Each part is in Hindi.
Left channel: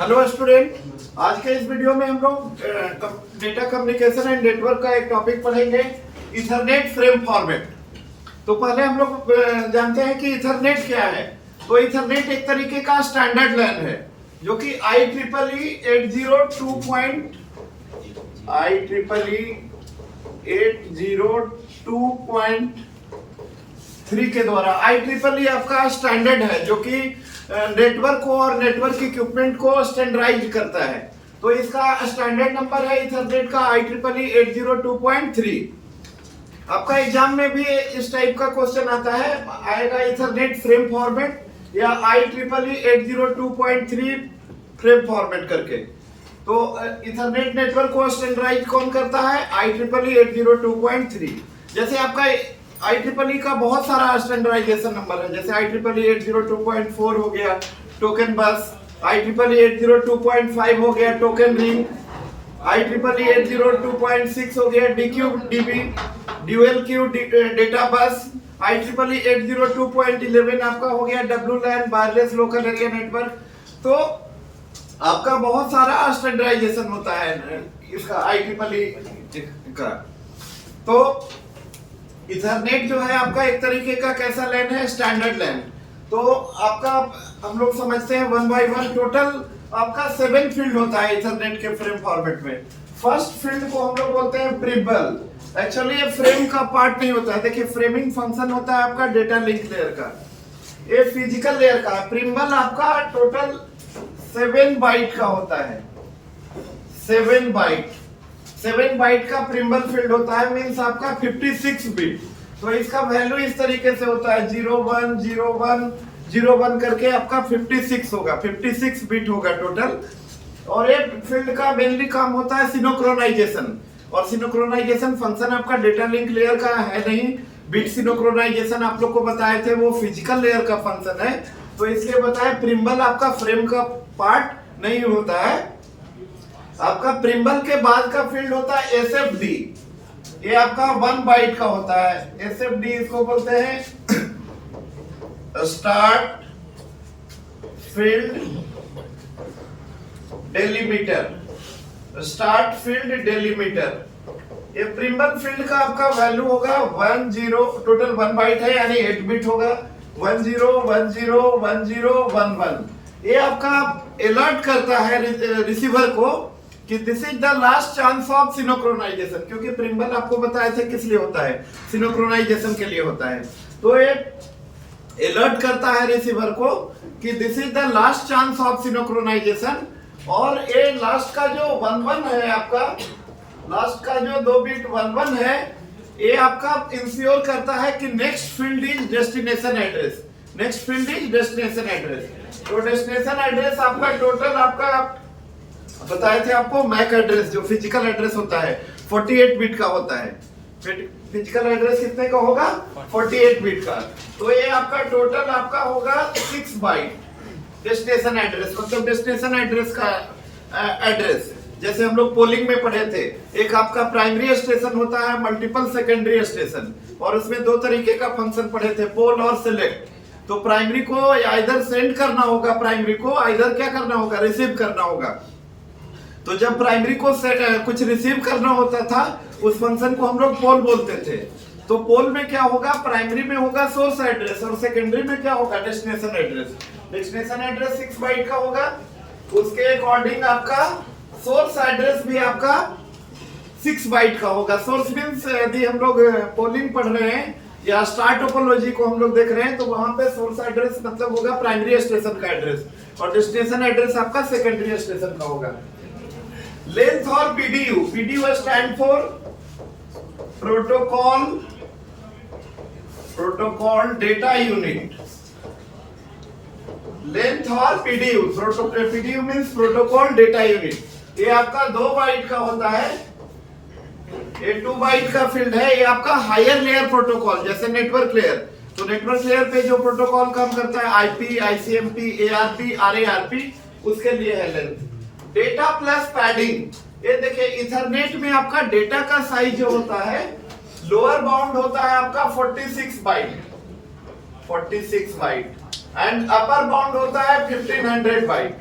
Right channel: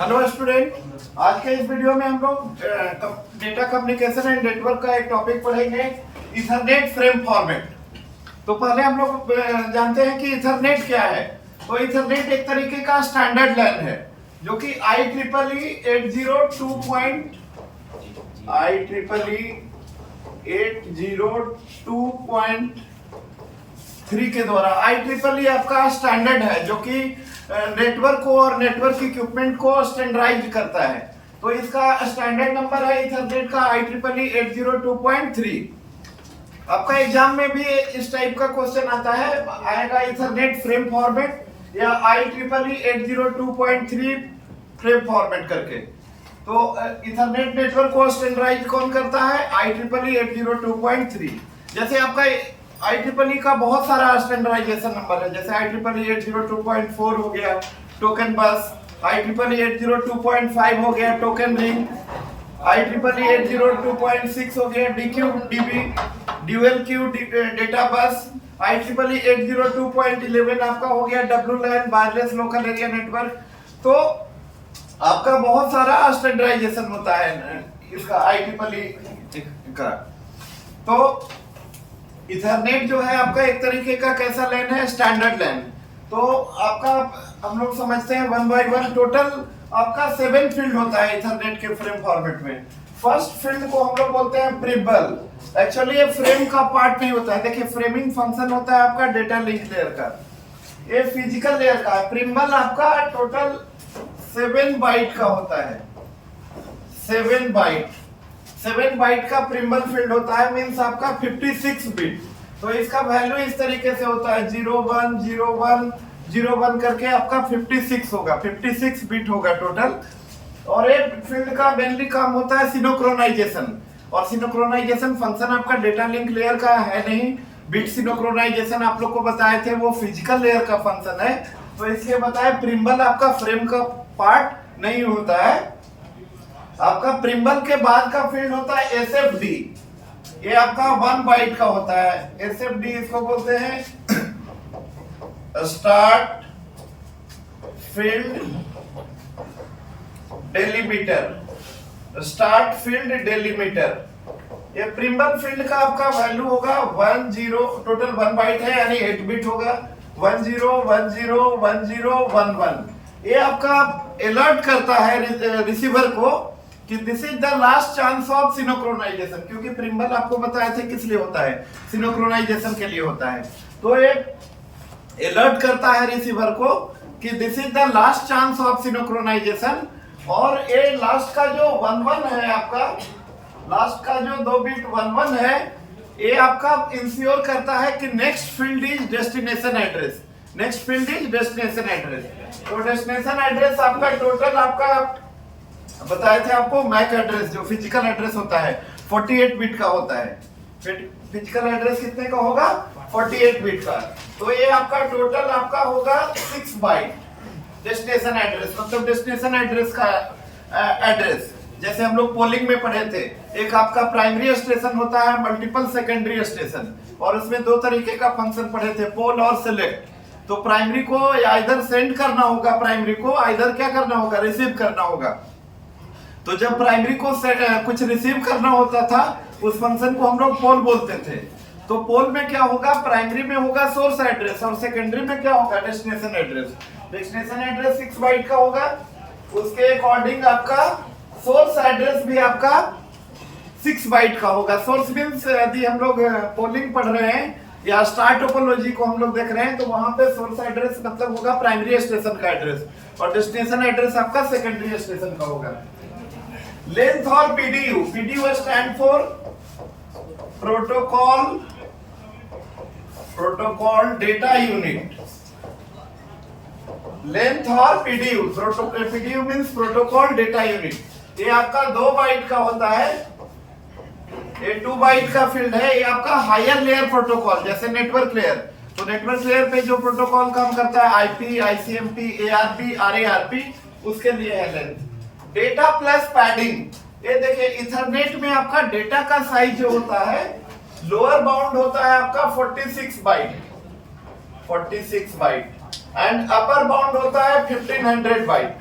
हेलो स्टूडेंट, आज के इस वीडियो में हम लोग डेटा कम्युनिकेशन एंड नेटवर्क का एक टॉपिक पढ़ेंगे, इथरनेट फ्रेम फॉर्मेट। तो पहले हम लोग जानते हैं कि इथरनेट क्या है। तो इथरनेट एक तरीके का स्टैंडर्ड लैन है जो कि IEEE 802.3 के द्वारा IEEE आपका स्टैंडर्ड है जो कि नेटवर्क को और नेटवर्क इक्विपमेंट को स्टैंडर्डाइज करता है। तो इसका स्टैंडर्ड नंबर है इथरनेट का IEEE 802.3। आपका एग्जाम में भी इस टाइप का क्वेश्चन आता है, आएगा इथरनेट फ्रेम फॉर्मेट या IEEE 802.3 फ्रेम फॉर्मेट करके। तो इथरनेट नेटवर्क को स्टैंडर्डाइज कौन करता है? IEEE 802.3। जैसे आपका IEEE का बहुत सारा स्टैंडर्डाइजेशन नंबर है, जैसे IEEE 802.4 हो गया टोकन बस, IEEE 802.5 हो गया टोकन रिंग, IEEE 802.6 हो गया DQDB dual Q data bus, IEEE 802.11 आपका हो गया WLAN wireless local area network. तो आपका बहुत सारा स्टैंडर्डाइजेशन होता है इसका IEEE का। तो इथरनेट जो है आपका एक तरीके का कैसा लैन है? स्टैंडर्ड लैन। तो आपका हम लोग समझते हैं 1 by 1 टोटल आपका 7 फील्ड होता है इथरनेट के फ्रेम फॉर्मेट में। फर्स्ट फील्ड को हम लोग बोलते हैं प्रिम्बल। एक्चुअली ये फ्रेम का पार्ट नहीं होता है, देखिए फ्रेमिंग फंक्शन होता है आपका डेटा लिंक लेयर का, ये फिजिकल लेयर का है। प्रिम्बल आपका टोटल 7 बाइट का होता है, 7 बाइट का प्रिम्बल फील्ड होता है, मींस आपका 56 बिट। तो इसका वैल्यू इस तरीके से होता है 010101 करके आपका 56 होगा, 56 बिट होगा टोटल। और एक फील्ड का मेनली काम होता है सिनोक्रोनाइजेशन, और सिनोक्रोनाइजेशन फंक्शन आपका डेटा लिंक लेयर का है नहीं। बिट सिनोक्रोनाइजेशन आप लोग को बताए थे, वो फिजिकल लेयर का फंक्शन है। तो इसलिए बताया प्रिम्बल आपका फ्रेम का पार्ट नहीं होता है। आपका प्रिम्बल के बाद का फील्ड होता है SFD, ये आपका 1 बाइट का होता है। SFD इसको बोलते हैं start field delimiter, start field delimiter. ये प्रिम्बल फील्ड का आपका वैल्यू होगा 10, टोटल 1 बाइट है यानी 8 बिट होगा, 10101011। ये आपका अलर्ट करता है रिसीवर को कि this is the last chance of synchronisation, क्योंकि प्रिम्बल आपको बताए थे किस लिए होता है, सिनोक्रोनाइजेशन के लिए होता है। तो ये अलर्ट करता है रिसीवर को कि this is the last chance of synchronisation. और ये लास्ट का जो 11 है आपका, लास्ट का जो 2 बिट 11 है, ये आपका इंश्योर करता है कि next field is destination address, next field is destination address. तो डेस्टिनेशन एड्रेस आपका टोटल आपका बताए थे आपको मैक एड्रेस जो फिजिकल एड्रेस होता है 48 बिट का होता है। फिजिकल एड्रेस कितने का होगा? 48 बिट का। तो ये आपका टोटल आपका होगा 6 बाइट डेस्टिनेशन एड्रेस, मतलब डेस्टिनेशन एड्रेस का एड्रेस। जैसे हम लोग पोलिंग में पढ़े थे, एक आपका प्राइमरी स्टेशन होता है, मल्टीपल सेकेंडरी स्टेशन, और उसमें 2 तरीके का फंक्शन पढ़े थे, पोल और सिलेक्ट। तो प्राइमरी को इधर सेंड करना होगा, प्राइमरी को इधर क्या करना होगा? रिसीव करना होगा। तो जब प्राइमरी को कुछ रिसीव करना होता था, उस फंक्शन को हम लोग पोल बोलते थे। तो पोल में क्या होगा? प्राइमरी में होगा सोर्स एड्रेस और सेकेंडरी में क्या होगा? Destination address. Destination address 6 byte का होगा, उसके अकॉर्डिंग आपका सोर्स एड्रेस भी आपका 6 बाइट का होगा। सोर्स मींस यदि हम लोग पोलिंग पढ़ रहे हैं या स्टार टोपोलॉजी को हम लोग देख रहे हैं, तो वहां पे सोर्स एड्रेस मतलब होगा प्राइमरी स्टेशन का एड्रेस, और डेस्टिनेशन एड्रेस आपका सेकेंडरी स्टेशन का होगा। लेंथ और PDU, PDU stand for protocol data unit. Length और PDU means protocol data unit. ये आपका 2 बाइट का होता है, ये 2 बाइट का फील्ड है। ये आपका हायर लेयर प्रोटोकॉल, जैसे नेटवर्क लेयर। तो नेटवर्क लेयर पे जो प्रोटोकॉल काम करता है IP, ICMP, ARP, RARP, उसके लिए है लेंथ। डेटा प्लस पैडिंग, ये देखिए इथरनेट में आपका डेटा का साइज जो होता है, लोअर बाउंड होता है आपका 46 byte, 46 byte, and upper bound होता है 1500 बाइट।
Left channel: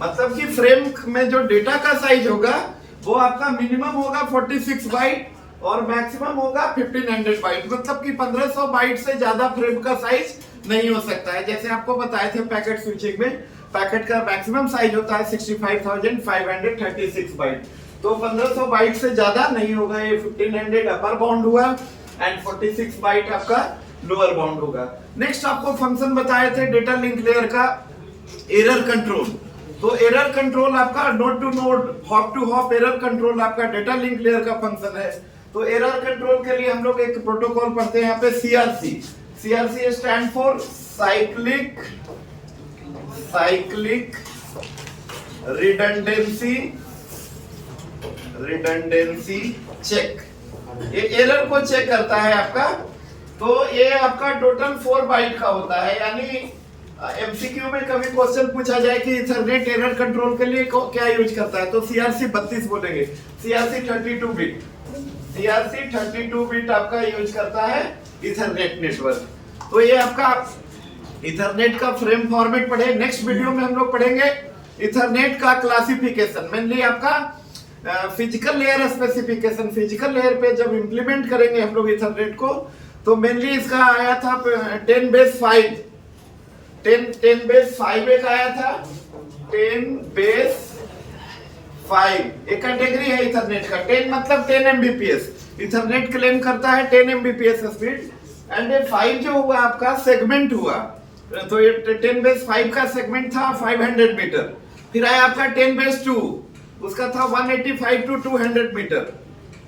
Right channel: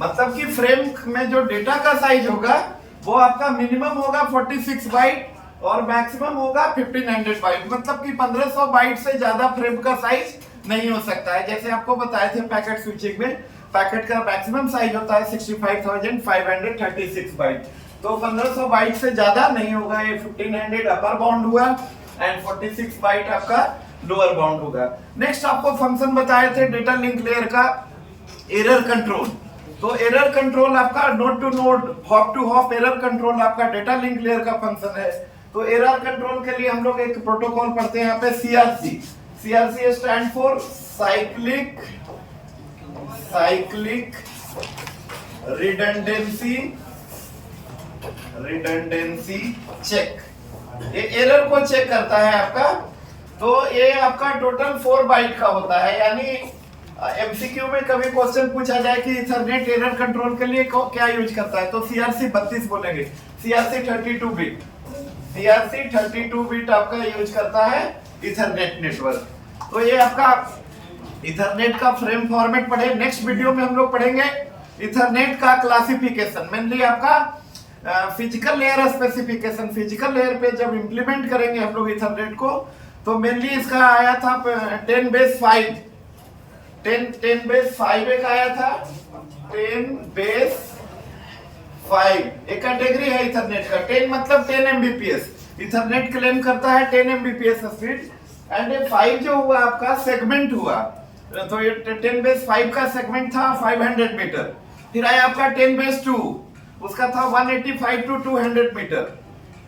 मतलब कि फ्रेम में जो डेटा का साइज होगा वो आपका मिनिमम होगा 46 बाइट और मैक्सिमम होगा 1500 बाइट, मतलब कि 1500 बाइट से ज्यादा फ्रेम का साइज नहीं हो सकता है। जैसे आपको बताए थे पैकेट स्विचिंग में, पैकेट का मैक्सिमम साइज होता है 65,536 बाइट, तो 1500 बाइट से ज्यादा नहीं होगा। ये 1500 अपर बाउंड हुआ एंड 46 बाइट आपका लोअर बाउंड होगा। नेक्स्ट आपको फंक्शन बताए थे डेटा लिंक लेयर का एरर कंट्रोल। तो एरर कंट्रोल आपका node to node, hop to hop error control आपका डेटा लिंक लेयर का फंक्शन है। तो एरर कंट्रोल के लिए हम लोग एक प्रोटोकॉल पढ़ते हैं यहाँ पे CRC। CRC stand for cyclic redundancy check. ये एरर को चेक करता है आपका। तो ये आपका टोटल 4 बाइट का होता है, यानी एमसीक्यू में कभी क्वेश्चन पूछा जाए कि इथरनेट एरर कंट्रोल के लिए क्या यूज करता है, तो CRC 32 बोलेंगे। CRC 32 बिट, CRC 32 बिट आपका यूज करता है इथरनेट नेटवर्क। तो ये आपका इथरनेट का फ्रेम फॉर्मेट पढ़े। नेक्स्ट वीडियो में हम लोग पढ़ेंगे इथरनेट का क्लासिफिकेशन, मेनली आपका physical layer specification. Physical layer पे जब इंप्लीमेंट करेंगे हम लोग इथरनेट को, तो मेनली इसका आया था 10 बेस 5 एक आया था, 10 बेस 5 एक कैटेगरी है इथरनेट का। 10 मतलब 10 Mbps, इथरनेट क्लेम करता है 10 Mbps स्पीड। एंड ये 5 जो हुआ आपका सेगमेंट हुआ, तो ये 10 बेस 5 का सेगमेंट था 500 मीटर। फिर आया आपका 10 बेस 2, उसका था 185 टू 200 मीटर।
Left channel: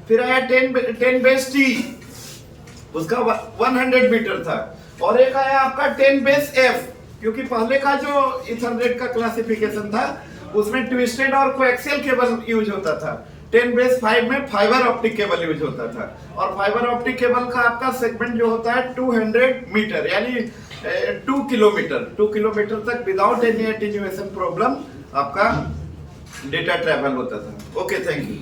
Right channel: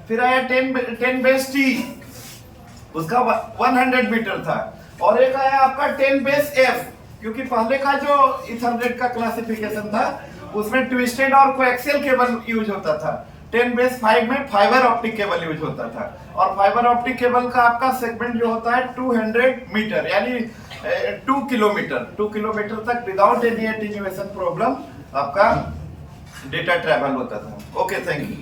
फिर आया 10 बेस T, उसका 100 मीटर था। और एक आया आपका 10 बेस F, क्योंकि पहले का जो इथरनेट का क्लासिफिकेशन था उसमें ट्विस्टेड और कोएक्सियल केबल यूज होता था। 10 बेस 5 में फाइबर ऑप्टिक केबल यूज होता था, और फाइबर ऑप्टिक केबल का आपका सेगमेंट जो होता है 200 मीटर, यानी 2 किलोमीटर तक विदाउट एनी एटेन्यूएशन प्रॉब्लम आपका डेटा ट्रैवल होता था। Okay, thank you.